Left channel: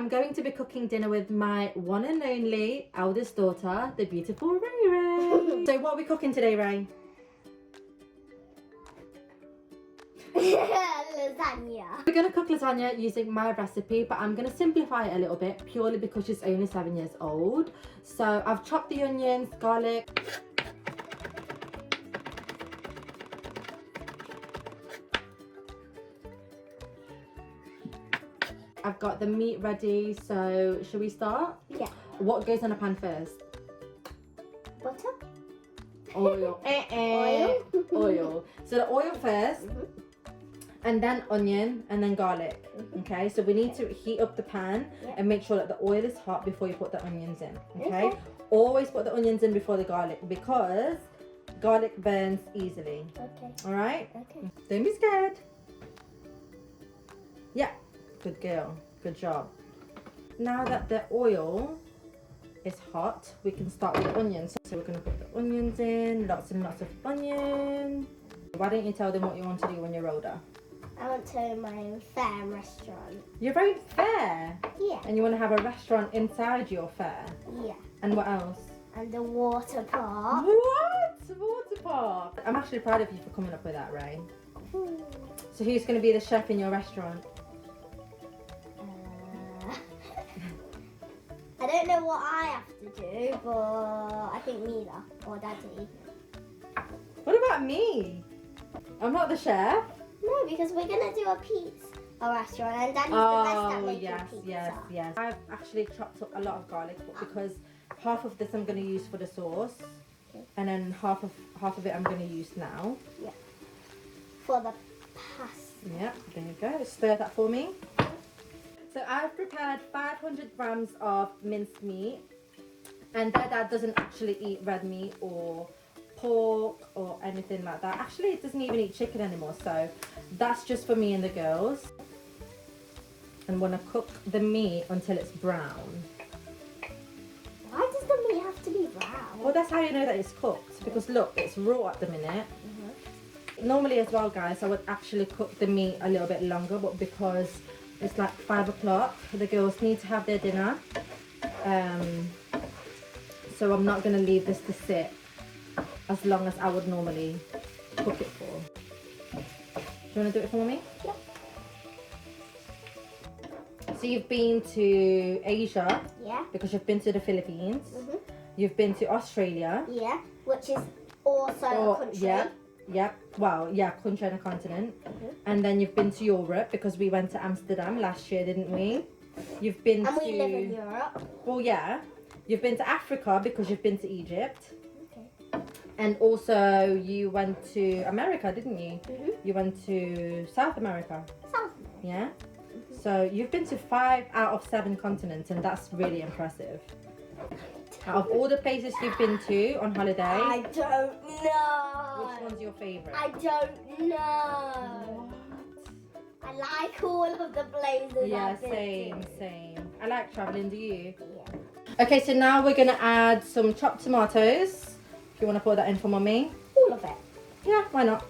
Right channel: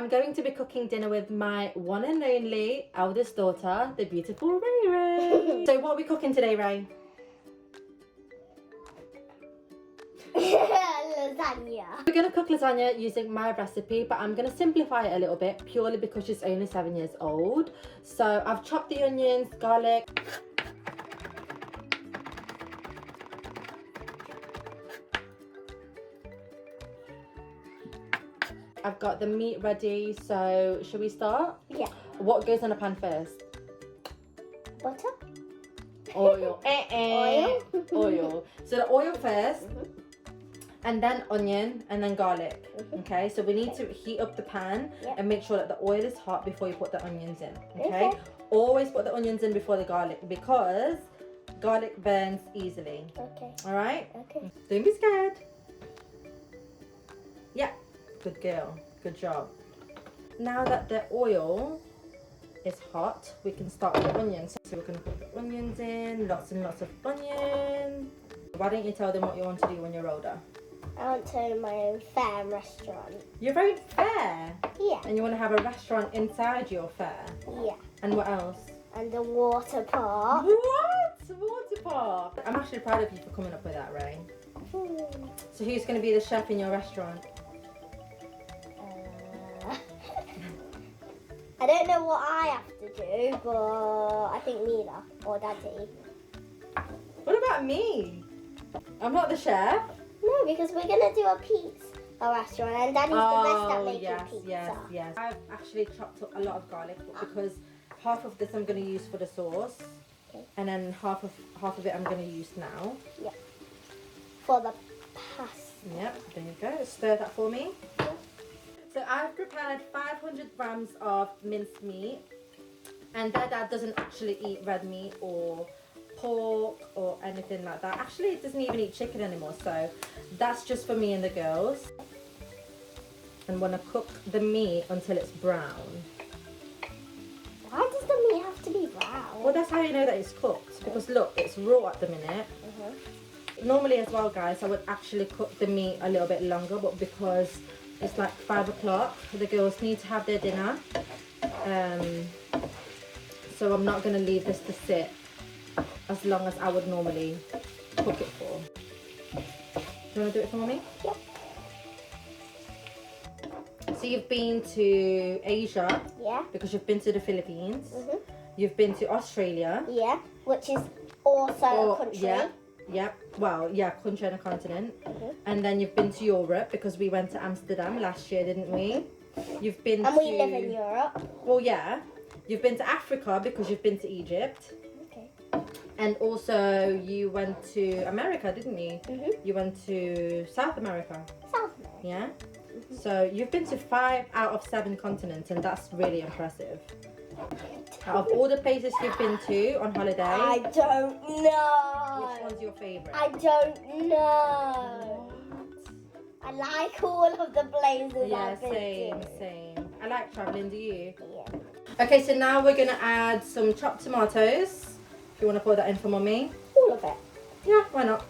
I'm going to be cooking dinner with my one and only eldest daughter, the beautiful Ray Ray. So what are we cooking today, Ray? Lasagna. We're going to cook lasagna using my recipe, but I'm going to simplify it a little bit purely because she's only 7 years old. So I've chopped the onions, garlic. I've got the meat ready, so should we start? Yeah. What goes in a pan first? Butter. Oil. Oil. Oil. So the oil first, and then onion, and then garlic. Okay, so we need to heat up the pan and make sure that the oil is hot before you put the onions in. Okay? Always put the onions in before the garlic because garlic burns easily. Okay. All right? Okay. Don't be scared. Yeah. Good girl. Good job. Now that the oil is hot, we can start with the onions. So we're going to put the onions in, lots and lots of onion. Why don't you tell them what you want to do when you're older? I want to own my own fair restaurant. You're very fair. Yeah. And you want to have a restaurant inside your fair. Yeah. And what else? And a water park. What? Water park. I'm actually proud of you for coming up with that, Ray. So who's going to be the chef in your restaurant? I don't know what I have to do, but I think Mila or Daddy. What about me? I'm not the chef. No, because we're gonna do a restaurant, and Daddy's the best at making pizza. Yes. I've actually chopped up a lot of garlic because half of this I'm going to use for the sauce, and then half of it I'm going to use now. Yeah. For the pasta. Yep. There you go. Stir that for me. So I've prepared 500 grams of minced meat, and Dad doesn't actually eat red meat or pork or anything like that. Actually, it doesn't even eat chicken anymore, so that's just for me and the girls. I'm gonna cook the meat until it's brown. Why does the meat have to be brown? Well, that's how you know that it's cooked, because look, it's raw at the minute. Normally as well, guys, I would actually cook the meat a little bit longer, but because it's like 5 o'clock, the girls need to have their dinner, so I'm not going to leave this to sit as long as I would normally cook it for. Do you want to do it for me? Yeah. So you've been to Asia, Yeah. because you've been to the Philippines, you've been to Australia, Yeah, which is also a country. Yep. Well, yeah, country and a continent. And then you've been to Europe because we went to Amsterdam last year, didn't we? You've been and we live in Europe. Well, yeah. You've been to Africa because you've been to Egypt. Okay. And also you went to America, didn't you? You went to South America. South America. Yeah? So you've been to 5 out of 7 continents, and that's really impressive. Out of all the places you've been to on holiday, I don't know. which one's your favourite? I don't know. I like all of the places. Yeah, I've been to. same. I like traveling, do you? Yeah. Okay, so now we're gonna add some chopped tomatoes. If you want to pour that in for mommy. All of it. Yeah, why not?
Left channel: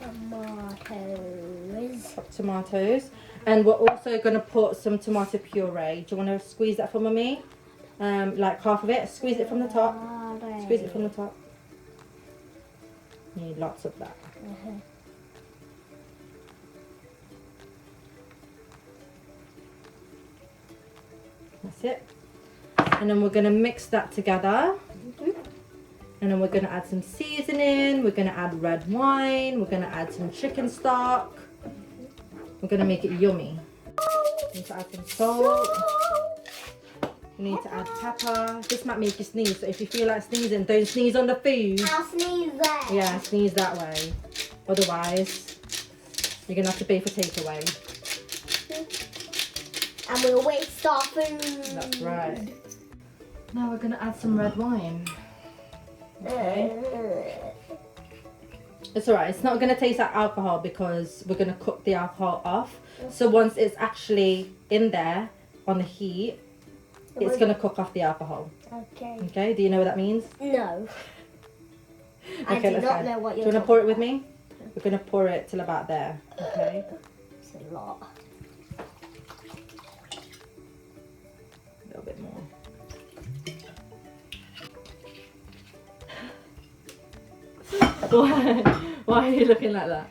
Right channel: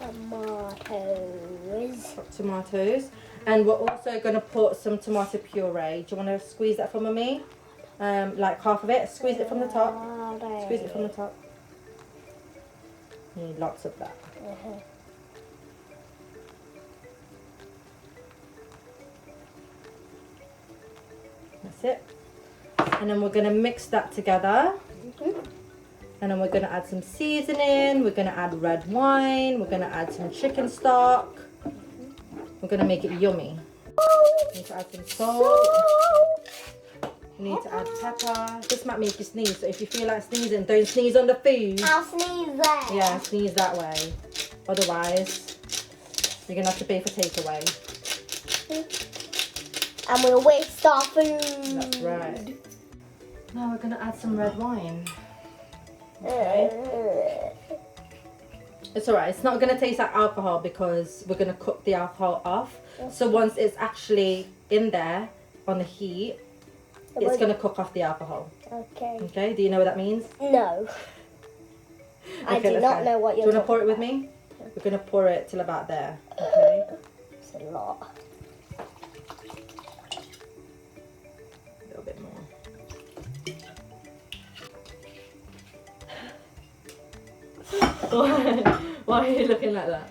Tomatoes. Chopped tomatoes. And we're also gonna put some tomato puree. Do you want to squeeze that for mommy? Like half of it. Squeeze it from the top. Squeeze it from the top. You need lots of that. That's it. And then we're going to mix that together. And then we're going to add some seasoning. We're going to add red wine. We're going to add some chicken stock. We're going to make it yummy. We need to add some salt. We need to add pepper. This might make you sneeze, so if you feel like sneezing, don't sneeze on the food. I'll sneeze there. Yeah, sneeze that way. Otherwise, you're going to have to pay for takeaway. And we'll waste our food. That's right. Now we're going to add some red wine. Okay. It's alright, it's not going to taste like alcohol because we're going to cook the alcohol off. So once it's actually in there on the heat, it's going to cook off the alcohol. Okay. Okay, do you know what that means? No. Okay, I do let's not go. know what Do you're you want to pour it with talking me? We're going to pour it till about there. Okay. about. It's a lot. Why are you looking like that?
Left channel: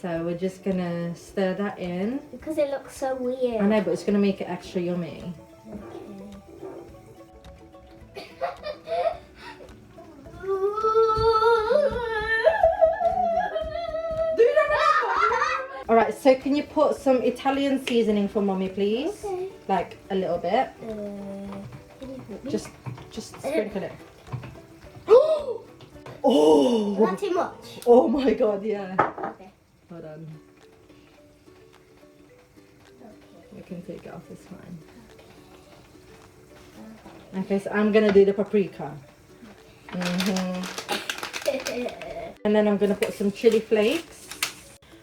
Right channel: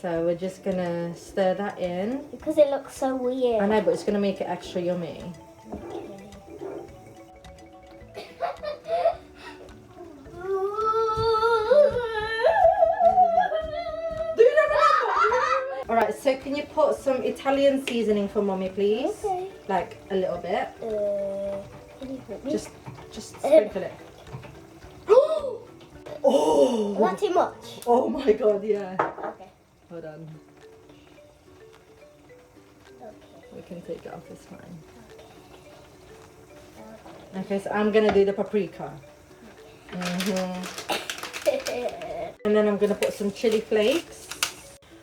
So we're just gonna stir that in. Because it looks so weird. I know, but it's gonna make it extra yummy. Alright, so can you put some Italian seasoning for mommy, please? Okay. Like a little bit. Just sprinkle it. Oh! Not too much. Oh my god, yeah. Okay. Hold on. We can take it off, it's fine. Okay, so I'm gonna do the paprika. And then I'm gonna put some chili flakes.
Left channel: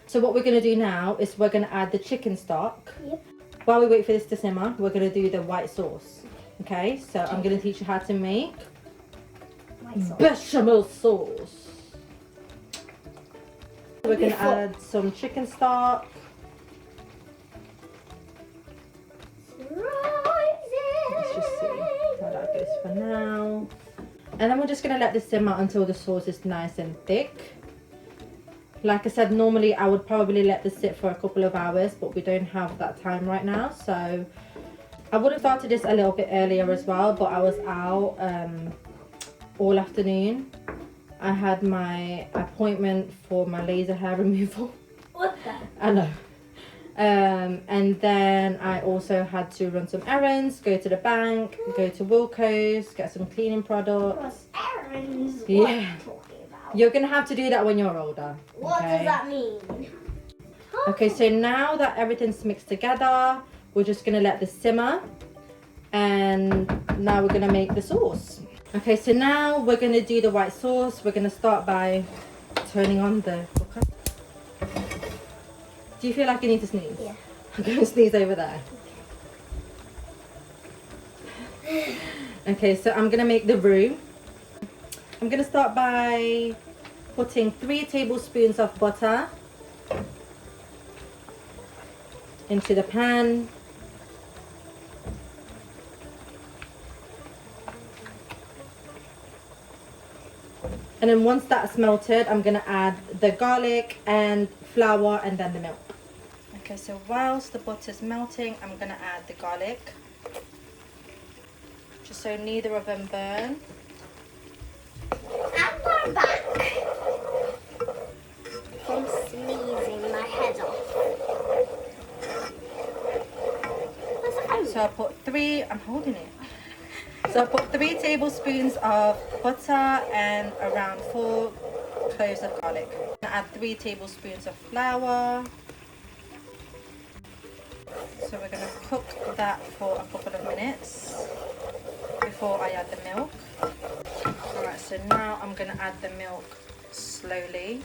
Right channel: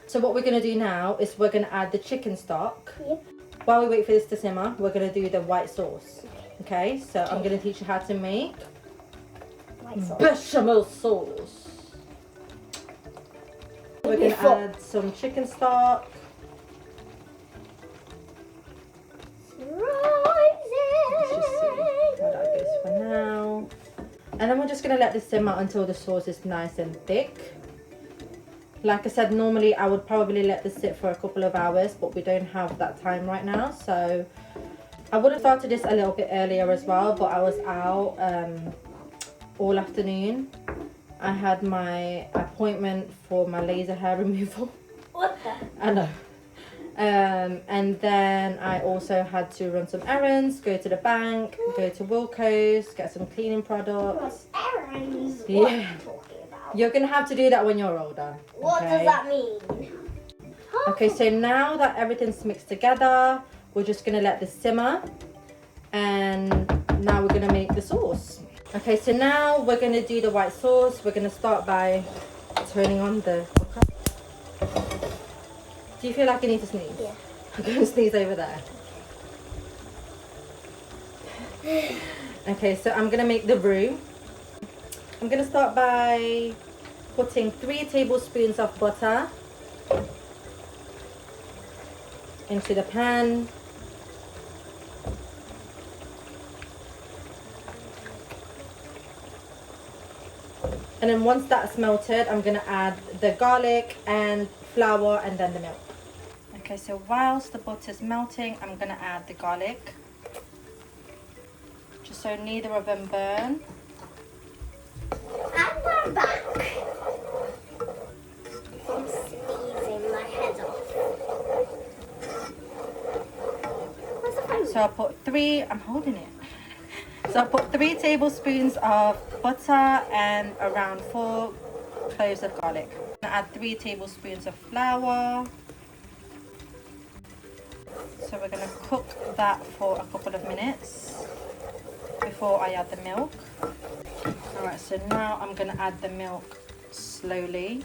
So what we're gonna do now is we're gonna add the chicken stock. Yep. While we wait for this to simmer, we're gonna do the white sauce. Okay, so I'm gonna teach you how to make bechamel sauce. We're gonna add some chicken stock. Let's just see how that goes for now. And then we're just gonna let this simmer until the sauce is nice and thick. Like I said, normally I would probably let this sit for a couple of hours, but we don't have that time right now. So I would have started this a little bit earlier as well, but I was out all afternoon. I had my appointment for my laser hair removal. What the? I know. And then I also had to run some errands, go to the bank, go to Wilco's, get some cleaning products. Errands? Yeah. What are you talking about? You're gonna have to do that when you're older. What okay? does that mean? Okay, so now that everything's mixed together, we're just gonna let this simmer. And now we're gonna make the sauce. Okay, so now we're gonna do the white sauce. We're gonna start by turning on the cooker. Do you feel like you need to sneeze? Yeah. I'm gonna sneeze over there. Okay, so I'm gonna make the roux. I'm gonna start by putting 3 tablespoons of butter into the pan. And then once that's melted, I'm gonna add the garlic and flour and then the milk. Okay, so whilst the butter's melting, I'm gonna add the garlic. Just so neither of them burn. I'm back from sneezing my head off. So I put 3, I'm holding it. So I put 3 tablespoons of butter and around 4 cloves of garlic. I'm gonna add 3 tablespoons of flour. So we're gonna cook that for a couple of minutes before I add the milk. Alright, so now I'm gonna add the milk slowly,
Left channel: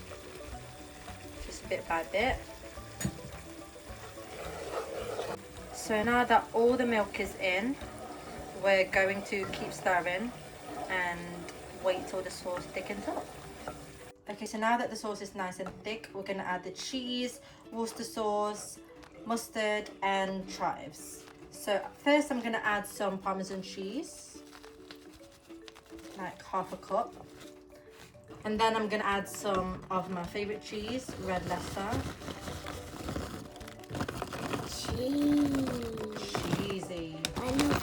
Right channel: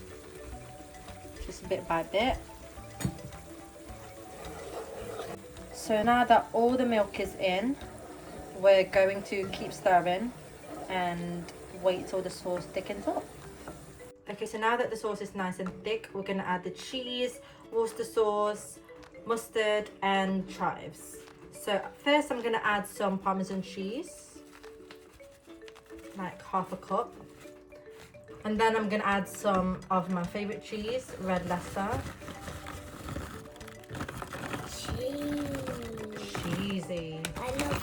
just bit by bit. So now that all the milk is in, we're going to keep stirring and wait till the sauce thickens up. Okay, so now that the sauce is nice and thick, we're gonna add the cheese, Worcester sauce, mustard and chives. So first I'm gonna add some Parmesan cheese, like half a cup. And then I'm gonna add some of my favorite cheese, red Leicester. Cheesy. I know.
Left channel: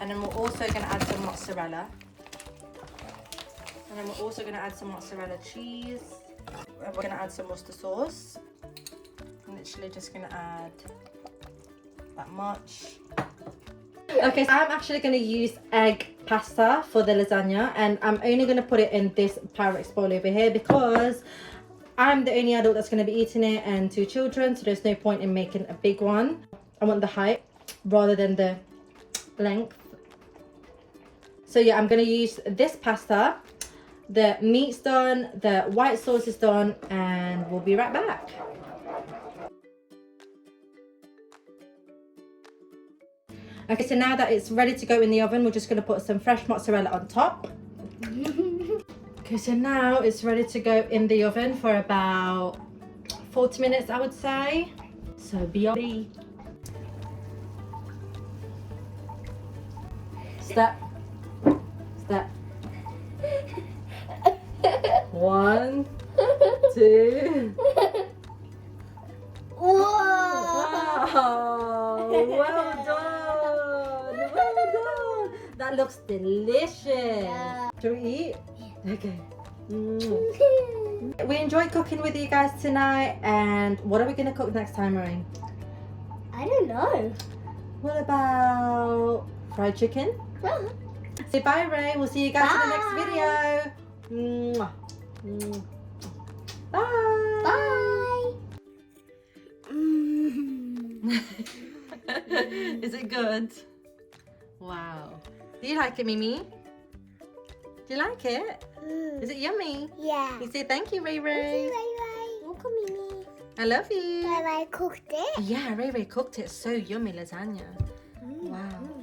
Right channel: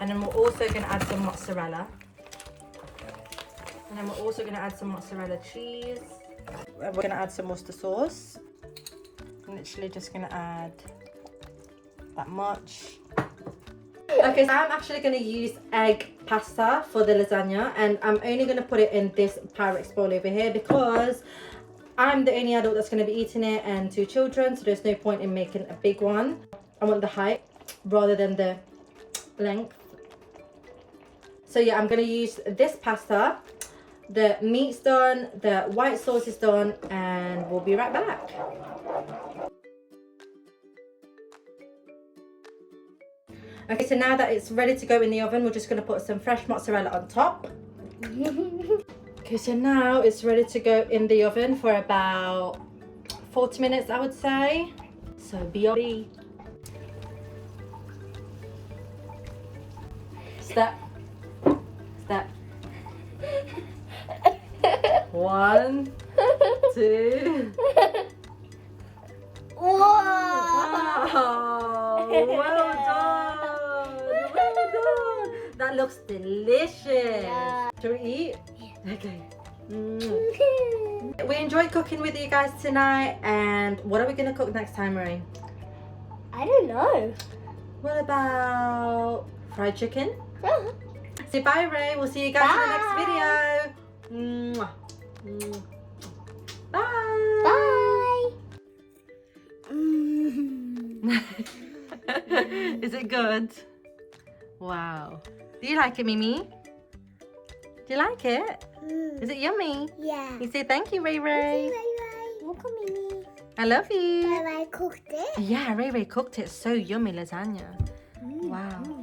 And then we're also going to add some mozzarella. And then we're also going to add some mozzarella cheese. And we're going to add some Worcester sauce. I'm literally just going to add that much. Okay, so I'm actually going to use egg pasta for the lasagna. And I'm only going to put it in this Pyrex bowl over here because I'm the only adult that's going to be eating it and 2 children. So there's no point in making a big one. I want the height rather than the length. So yeah, I'm gonna use this pasta. The meat's done, the white sauce is done, and we'll be right back. Okay, so now that it's ready to go in the oven, we're just gonna put some fresh mozzarella on top. Okay, so now it's ready to go in the oven for about 40 minutes, I would say. So be ready. Step. Step. 1, 2. Whoa! Wow, well done. Well done. That looks delicious. Yeah. Shall we eat? Okay. We enjoyed cooking with you guys tonight, and what are we going to cook next time, Ray? I don't know. What about fried chicken? Say bye, Ray. We'll see you guys in the next video. Mwah. Bye. Bye. Is it good? Wow. Do you like it, Mimi? Do you like it? Is it yummy? Yeah. You say thank you, Ray Ray. Look at Mimi. I love you. I cooked it. Yeah, Ray Ray cooked it. So yummy lasagna. Wow.